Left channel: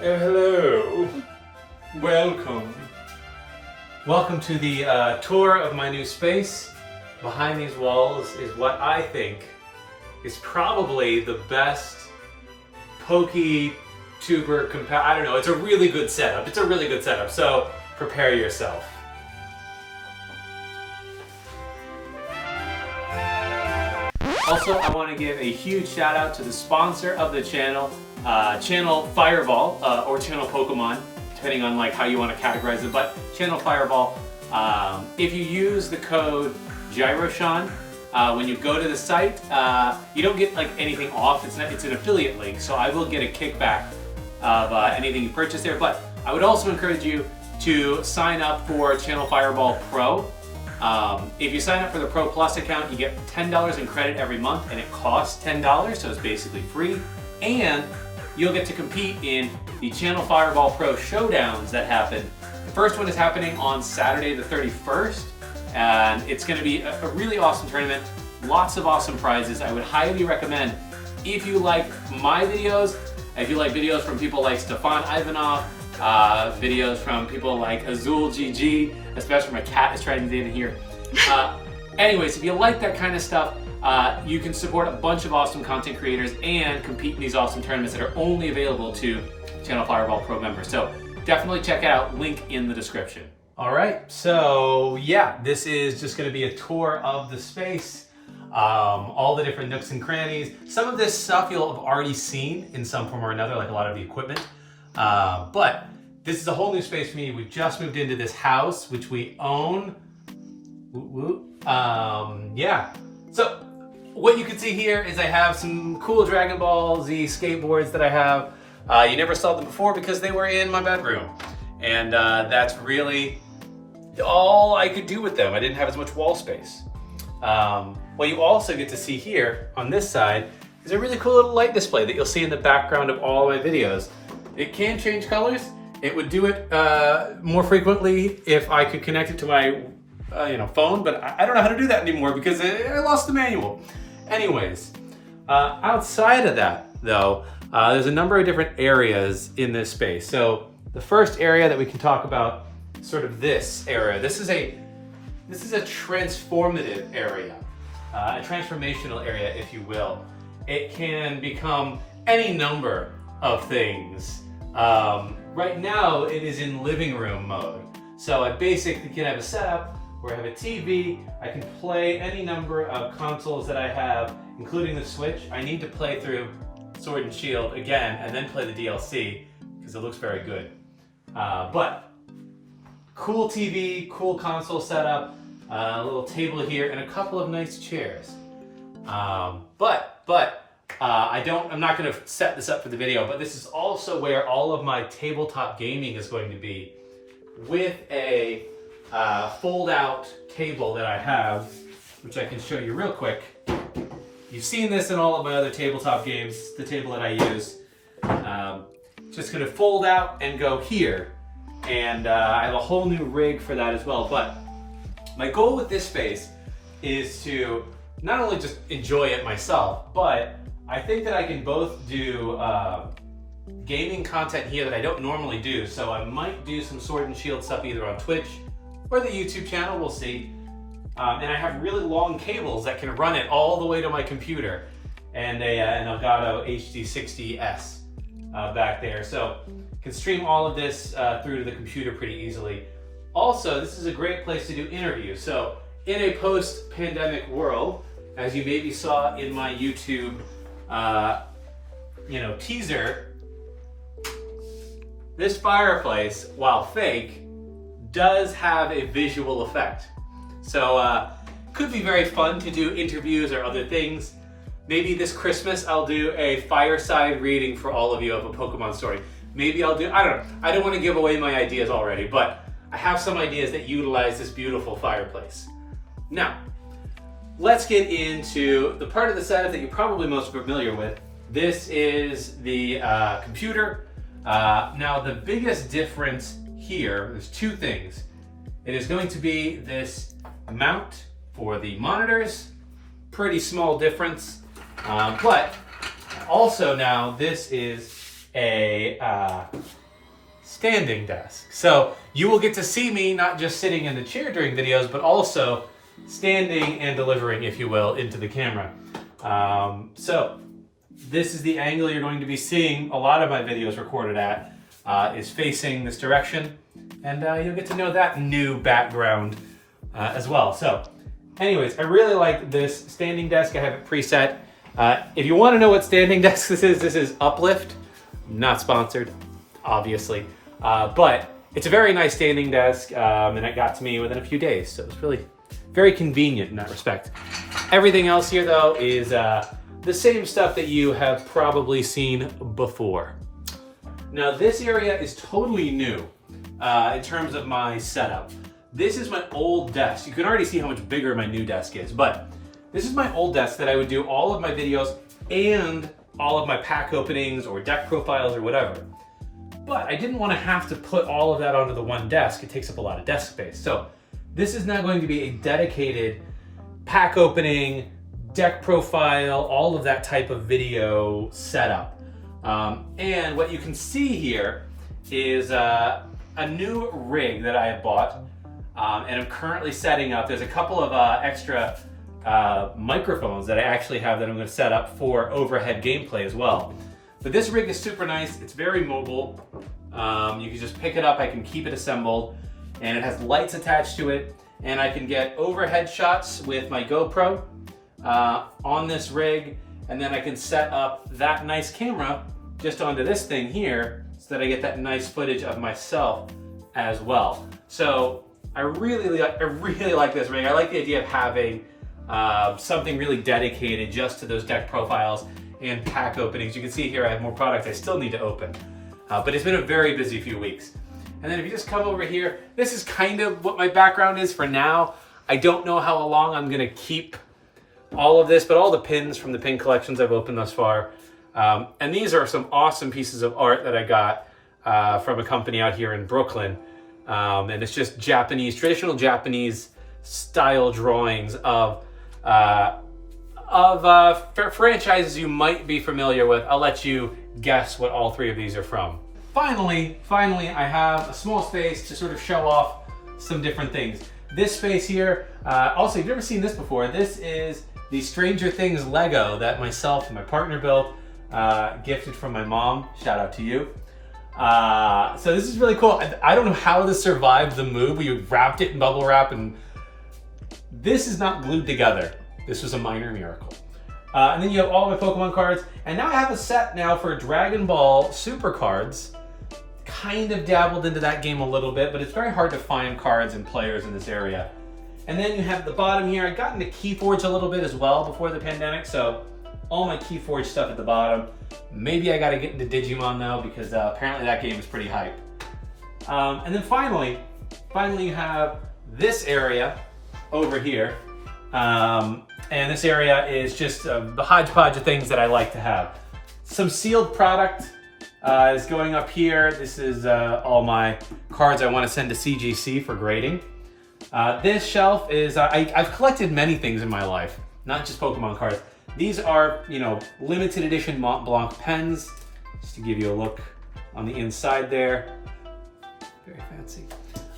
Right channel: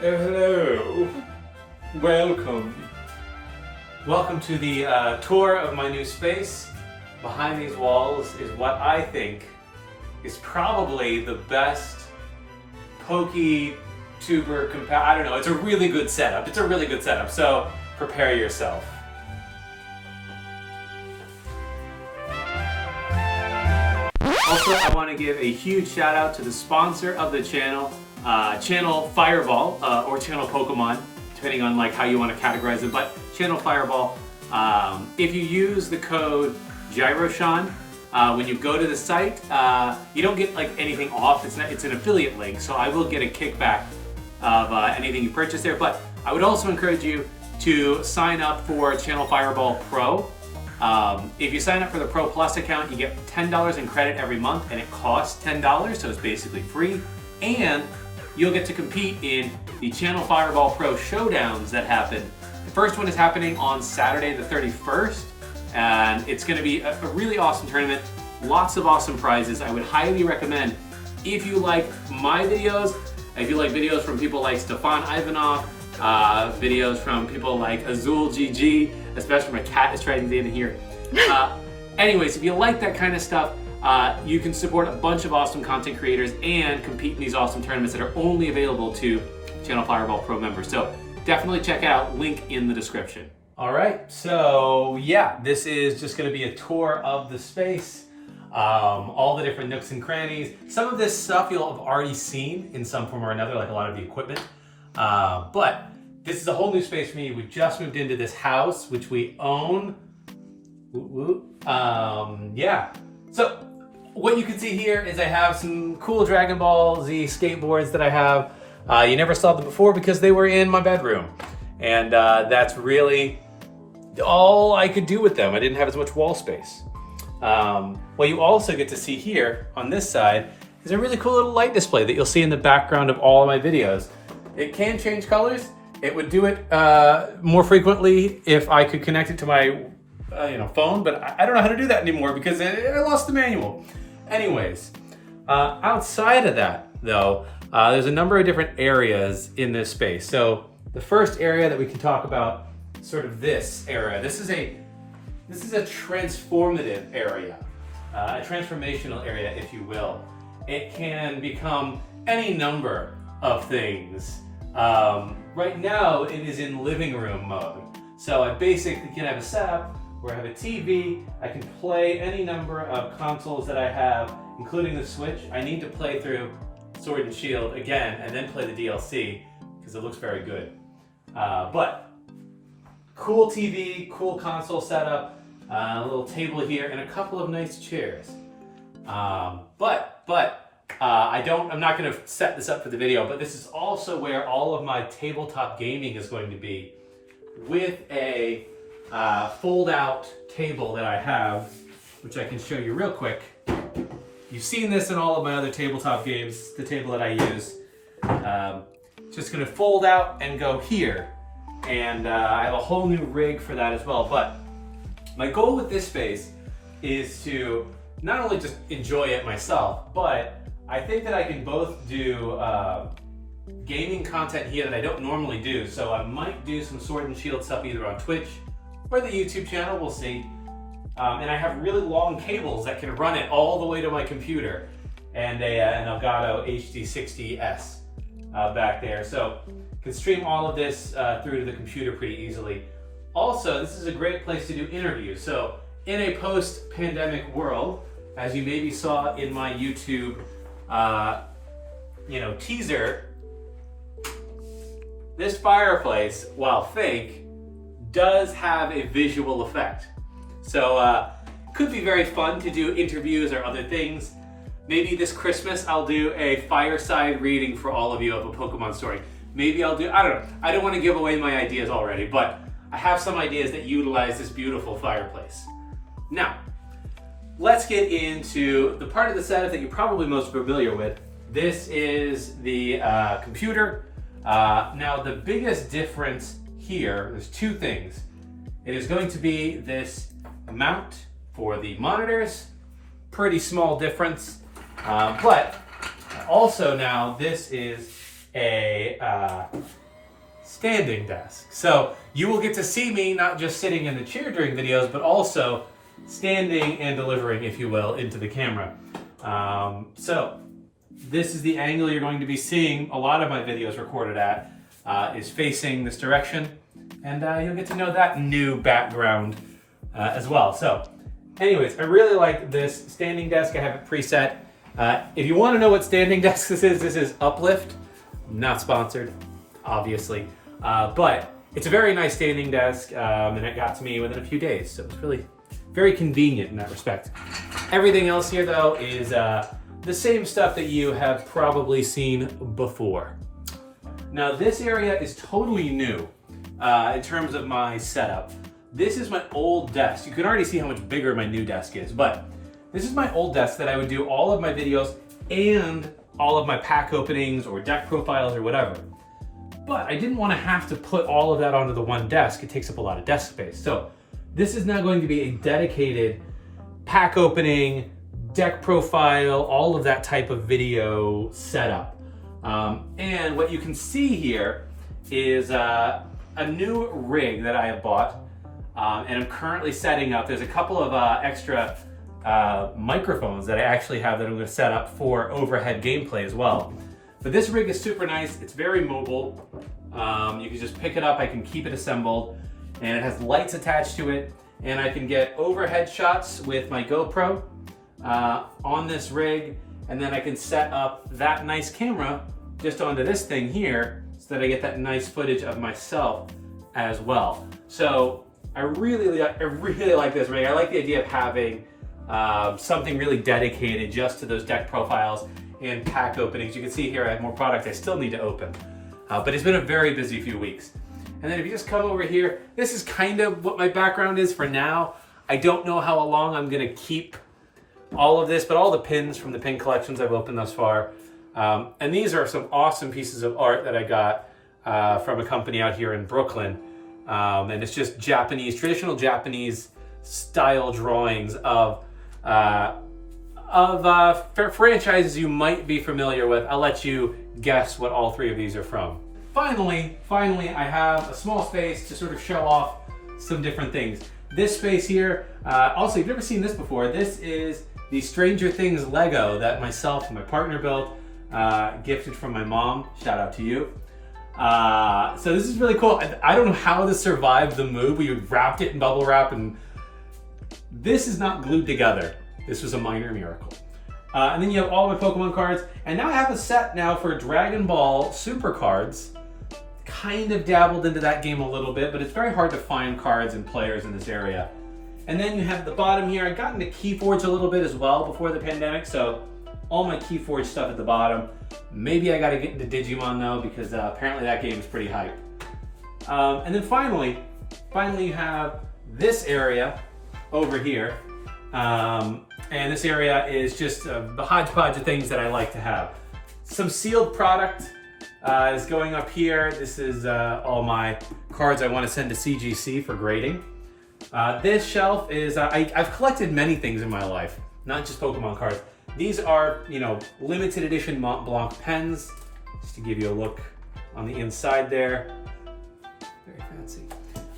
Hello. Welcome. Welcome to the tour of my new space. Behind these walls is what I think is probably the best Poke Tuber I don't know, it's a really good setup. It's a really good setup, so prepare yourself. Also, I want to give a huge shout out to the sponsor of the channel, Channel Fireball, or Channel Pokemon, depending on like how you want to categorize it, but Channel Fireball. If you use the code Gyroshan, when you go to the site, you don't get like anything off. It's an affiliate link, so I will get a kickback of anything you purchase there. But I would also encourage you to sign up for Channel Fireball Pro. If you sign up for the Pro Plus account, you get $10 in credit every month, and it costs $10, so it's basically free. And you'll get to compete in the Channel Fireball Pro showdowns that happen. The first one is happening on Saturday the 31st, and it's going to be a really awesome tournament. Lots of awesome prizes. I would highly recommend, if you like my videos, if you like videos from people like Stefan Ivanov, videos from people like Azul GG, especially my cat is trying to get in here. Anyways, if you like that kind of stuff, you can support a bunch of awesome content creators and compete in these awesome tournaments that are only available to Channel Fireball Pro members. So definitely check it out, link in the description. All right, so yeah, this is just gonna be a tour of the space, all the different nooks and crannies. Some of this stuff you'll have already seen in some form or another, like a lot of the equipment. But this is a whole new space for me. We just moved into this house, which we own. Yeah. So what you can see here is I have some cool Dragon Ball Z skateboards that I have. You never saw them before because they were in my bedroom. And that's really all I could do with them. I didn't have as much wall space. What you also get to see here on this side is a really cool little light display that you'll see in the background of all of my videos. It can change colors. It would do it more frequently if I could connect it to my phone, but I don't know how to do that anymore because I lost the manual. Anyways, outside of that though, there's a number of different areas in this space. So the first area that we can talk about, sort of this area. This is a transformative area, a transformational area, if you will. It can become any number of things. Right now, it is in living room mode. So I basically can have a setup where I have a TV, I can play any number of consoles that I have, including the Switch. I need to play through Sword and Shield again, and then play the DLC, because it looks very good. But cool TV, cool console setup, a little table here, and a couple of nice chairs. I'm not going to set this up for the video, but this is also where all of my tabletop gaming is going to be, with a fold-out table that I have, which I can show you real quick. You've seen this in all of my other tabletop games, the table that I use. Just going to fold out and go here, and I have a whole new rig for that as well. But my goal with this space is to not only just enjoy it myself, but I think that I can both do gaming content here that I don't normally do. So I might do some Sword and Shield stuff either on Twitch or the YouTube channel, we'll see. And I have really long cables that can run it all the way to my computer, and an Elgato HD60S back there. So can stream all of this through to the computer pretty easily. Also, this is a great place to do interviews. So in a post-pandemic world, as you maybe saw in my YouTube teaser, this fireplace, while fake, does have a visual effect. So could be very fun to do interviews or other things. Maybe this Christmas I'll do a fireside reading for all of you of a Pokemon story. Maybe I'll do, I don't know. I don't want to give away my ideas already, but I have some ideas that utilize this beautiful fireplace. Now, let's get into the part of the setup that you're probably most familiar with. This is the computer. Now, the biggest difference here, there's two things. It is going to be this mount for the monitors. Pretty small difference. But also now this is a standing desk. So you will get to see me not just sitting in the chair during videos, but also standing and delivering, if you will, into the camera. So this is the angle you're going to be seeing a lot of my videos recorded at, is facing this direction. And you'll get to know that new background as well. So anyways, I really like this standing desk. I have it preset. If you want to know what standing desk this is Uplift. Not sponsored, obviously. But it's a very nice standing desk, and it got to me within a few days. So it's really very convenient in that respect. Everything else here, though, is the same stuff that you have probably seen before. Now, this area is totally new in terms of my setup. This is my old desk. You can already see how much bigger my new desk is, but this is my old desk that I would do all of my videos and all of my pack openings or deck profiles or whatever. But I didn't want to have to put all of that onto the one desk. It takes up a lot of desk space. So this is now going to be a dedicated pack opening, deck profile, all of that type of video setup. And what you can see here is a new rig that I have bought, and I'm currently setting up. There's a couple of extra microphones that I actually have that I'm going to set up for overhead gameplay as well. But this rig is super nice. It's very mobile. You can just pick it up. I can keep it assembled, and it has lights attached to it. And I can get overhead shots with my GoPro on this rig, and then I can set up that nice camera just onto this thing here so that I get that nice footage of myself as well. So I really like this rig. I like the idea of having something really dedicated just to those deck profiles and pack openings. You can see here I have more product I still need to open, but it's been a very busy few weeks. And then if you just come over here, this is kind of what my background is for now. I don't know how long I'm gonna keep all of this, but all the pins from the pin collections I've opened thus far. And these are some awesome pieces of art that I got from a company out here in Brooklyn. And it's just Japanese, traditional Japanese style drawings of franchises you might be familiar with. I'll let you guess what all three of these are from. Finally, I have a small space to sort of show off some different things. This space here, also, if you've never seen this before, this is the Stranger Things Lego that myself and my partner built, gifted from my mom. Shout out to you. So this is really cool. I don't know how this survived the move. We wrapped it in bubble wrap, and this is not glued together. This was a minor miracle. And then you have all my Pokemon cards, and now I have a set now for Dragon Ball Super cards. Kind of dabbled into that game a little bit, but it's very hard to find cards and players in this area. And then you have the bottom here. I got into Keyforge a little bit as well before the pandemic, so all my Keyforge stuff at the bottom. Maybe I gotta get into Digimon though, because apparently that game is pretty hype. And then finally you have this area over here. And this area is just the hodgepodge of things that I like to have. Some sealed product is going up here. This is all my cards I want to send to CGC for grading. This shelf is, I've collected many things in my life, not just Pokemon cards. These are, limited edition Mont Blanc pens, just to give you a look on the inside there. Very fancy.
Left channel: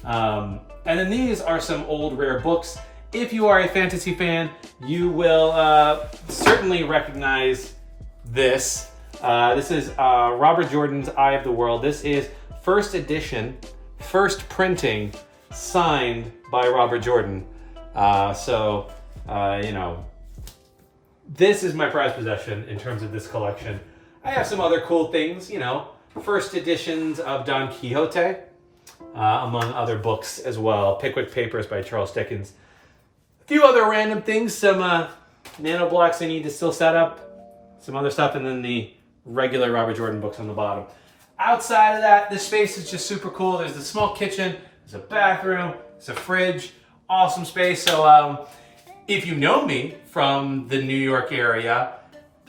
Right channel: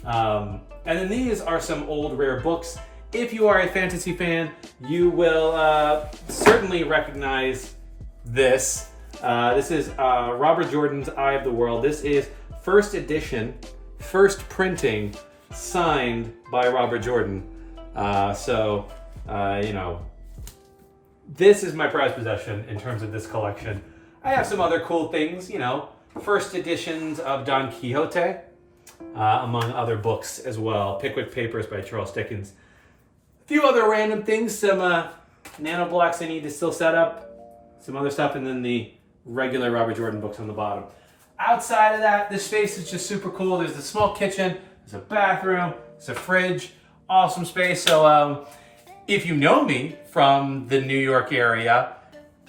And then these are some old rare books. If you are a fantasy fan, you will certainly recognize this. This is Robert Jordan's Eye of the World. This is first edition, first printing, signed by Robert Jordan. This is my prized possession in terms of this collection. I have some other cool things, first editions of Don Quixote, among other books as well. Pickwick Papers by Charles Dickens. A few other random things, some nano blocks I need to still set up, some other stuff, and then the regular Robert Jordan books on the bottom. Outside of that, this space is just super cool. There's a small kitchen, there's a bathroom, there's a fridge, awesome space. So if you know me from the New York area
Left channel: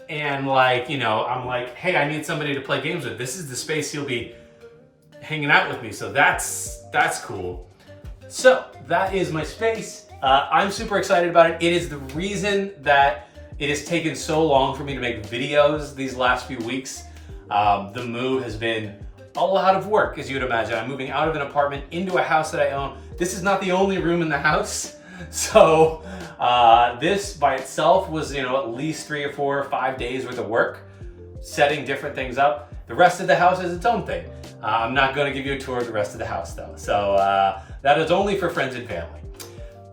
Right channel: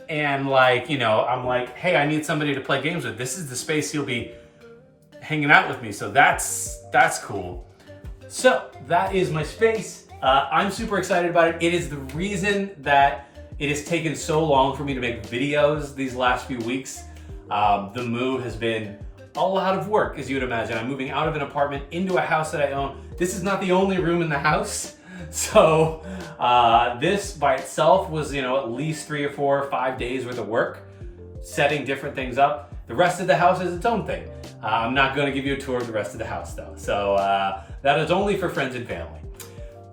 and I'm like, hey, I need somebody to play games with, this is the space you'll be hanging out with me. So that's cool. So that is my space. I'm super excited about it. It is the reason that it has taken so long for me to make videos these last few weeks. The move has been a lot of work, as you would imagine. I'm moving out of an apartment into a house that I own. This is not the only room in the house. So this by itself was, at least 3 or 4 or 5 days worth of work, setting different things up. The rest of the house is its own thing. I'm not going to give you a tour of the rest of the house though. So that is only for friends and family.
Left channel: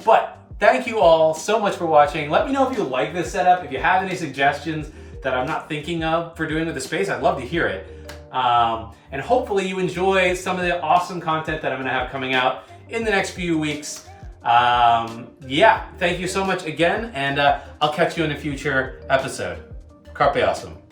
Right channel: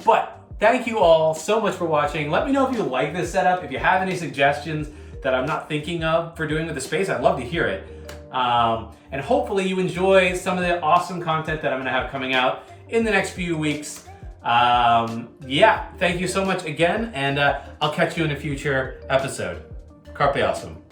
But thank you all so much for watching. Let me know if you like this setup. If you have any suggestions that I'm not thinking of for doing with the space, I'd love to hear it. And hopefully you enjoy some of the awesome content that I'm going to have coming out in the next few weeks. Yeah, thank you so much again, and I'll catch you in a future episode. Carpe awesome.